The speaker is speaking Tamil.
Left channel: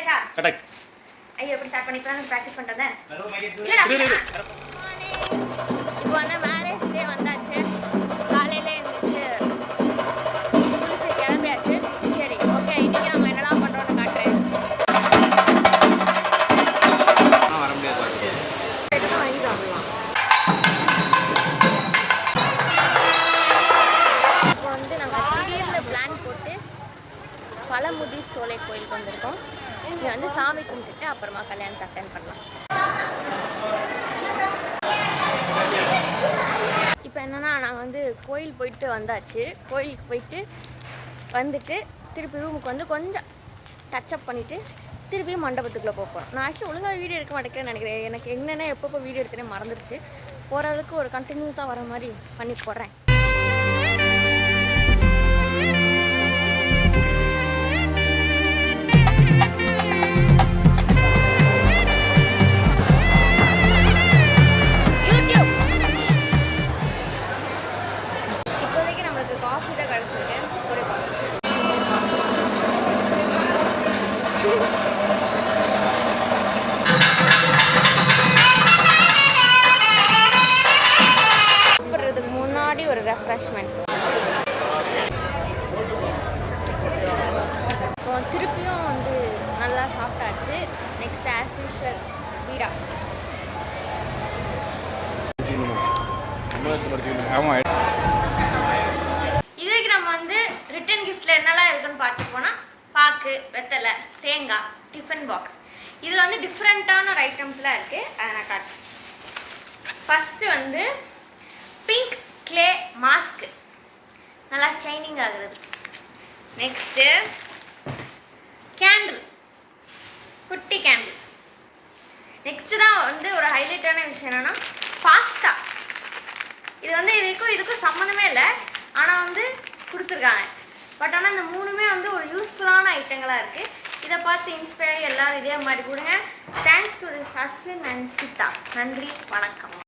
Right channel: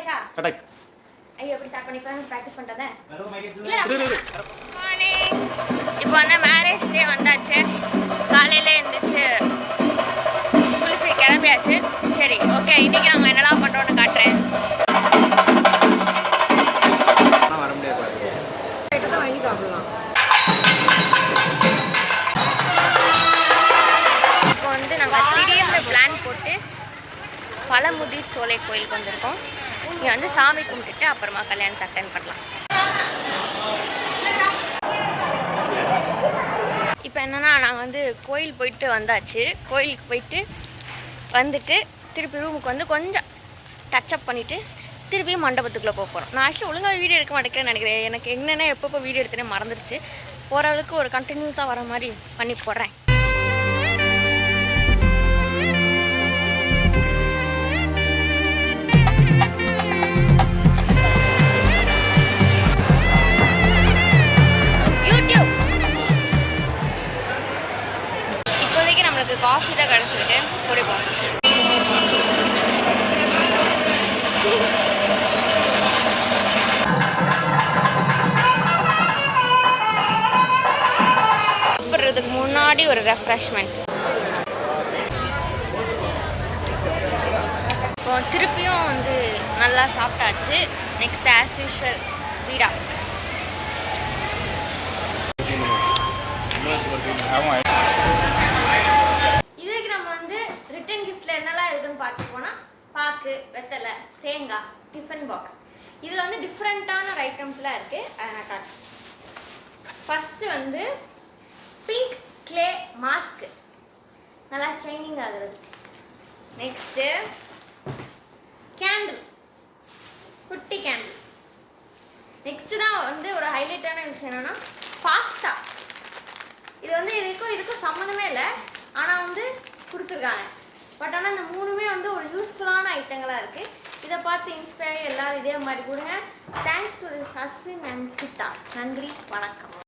ஆயிச்சா கரெக்ட் ஐயோ எப்படி ஸ்டார்ட் பண்ணி பிராக்டிஸ் பண்றதே இல்ல மார்னிங் இப்போ வந்து மேரேஜ் டே வந்தாச்சு காலையில எழுந்திரிச்சு குளிச்சு கிளம்பியாச்சு சரி ஓகே இன்னைக்கு நாங்கள் என்னெல்லாம் பண்றோம்னு காட்டுறேன் வர முடியாது வாங்கி சாப்பிடலாம் இப்போ வந்து நாங்கள் திடீர்னு பிளான் போட்டு பழமுதிர் சோலை கோயிலுக்கு வந்திருக்கோம் இங்கே வந்து சாமி கும்பிட்டுட்டு அப்புறமா கல்யாணத்தை அட்டென்ட் பண்ணலாம் இப்போ என்னென்னா நாங்கள் வந்து கோயில் போயிட்டு வந்தாச்சு கோயிலுக்கு போயிட்டு வந்துட்டு திருப்பி ரூமுக்கு வந்து கொஞ்சம் டச்சப் பண்ணிவிட்டு திருப்பியும் மண்டபத்துக்குள்ளே போக போகிறோம் நான் ஆக்சுவலி ஒழுங்காக வீடியோ எடுக்க மாட்டேங்கிறேன்னு நினைக்கிறேன் எனக்கு என்னென்ன எப்பப்போ வீடியோ எடுத்தேனே மறந்துடுச்சு ஓரளவுக்கு ஒரு கண்டினியூஸாக வர மாதிரி பண்ணி போடுறேன் காஃபி தான் கிடச்சிருக்கு குடிப்போம் சாப்பிட்றதுக்கு முன்னாடி ஒரு ரெஃப்ரெஷ்மெண்ட் இப்போ திருப்பியும் வந்து நல்லா சாப்பிட்டாச்சு நெக்ஸ்ட் ஆஸ் யூஷுவல் வீடா ரிட்டன் கிஃப்ட்டில் என்னெல்லாம் இருக்குன்னு பார்த்து போனால் பாக்கு வெத்தலை தேங்காய் டிஃபன் பாக்ஸ் இதில் வந்து டிஃப்ரெண்ட்டான ஒரு ஐட்டம்ஸ்லாம் இருக்குது அதை நான் காட்டுறேன் ஃபஸ்ட்டு வந்து பிங்க் க்ளே மாஸ்க்கு நல்லா ஷைனிங் ஆகுறது நெக்ஸ்ட்டு கேண்டில் குட்டி கேண்டில் நெக்ஸ்ட்டு தான் வந்து ஒரு ஹைலைட்டான விஷயம் என்னென்னா பாஸ்தா இது வந்து இதுக்கும் சம்மந்தமே இல்லை ஆனால் வந்து கொடுத்துருக்காங்க பட் ஆனால் இந்த மூணுமே வந்து ஒரு யூஸ்ஃபுல்லான ஐட்டங்களாக இருக்குது இதை பார்த்து இன்ஸ்பயர் எல்லோரும் இதே மாதிரி கொடுங்க thanks to this Ashwin and Siddha நன்றி வணக்கம்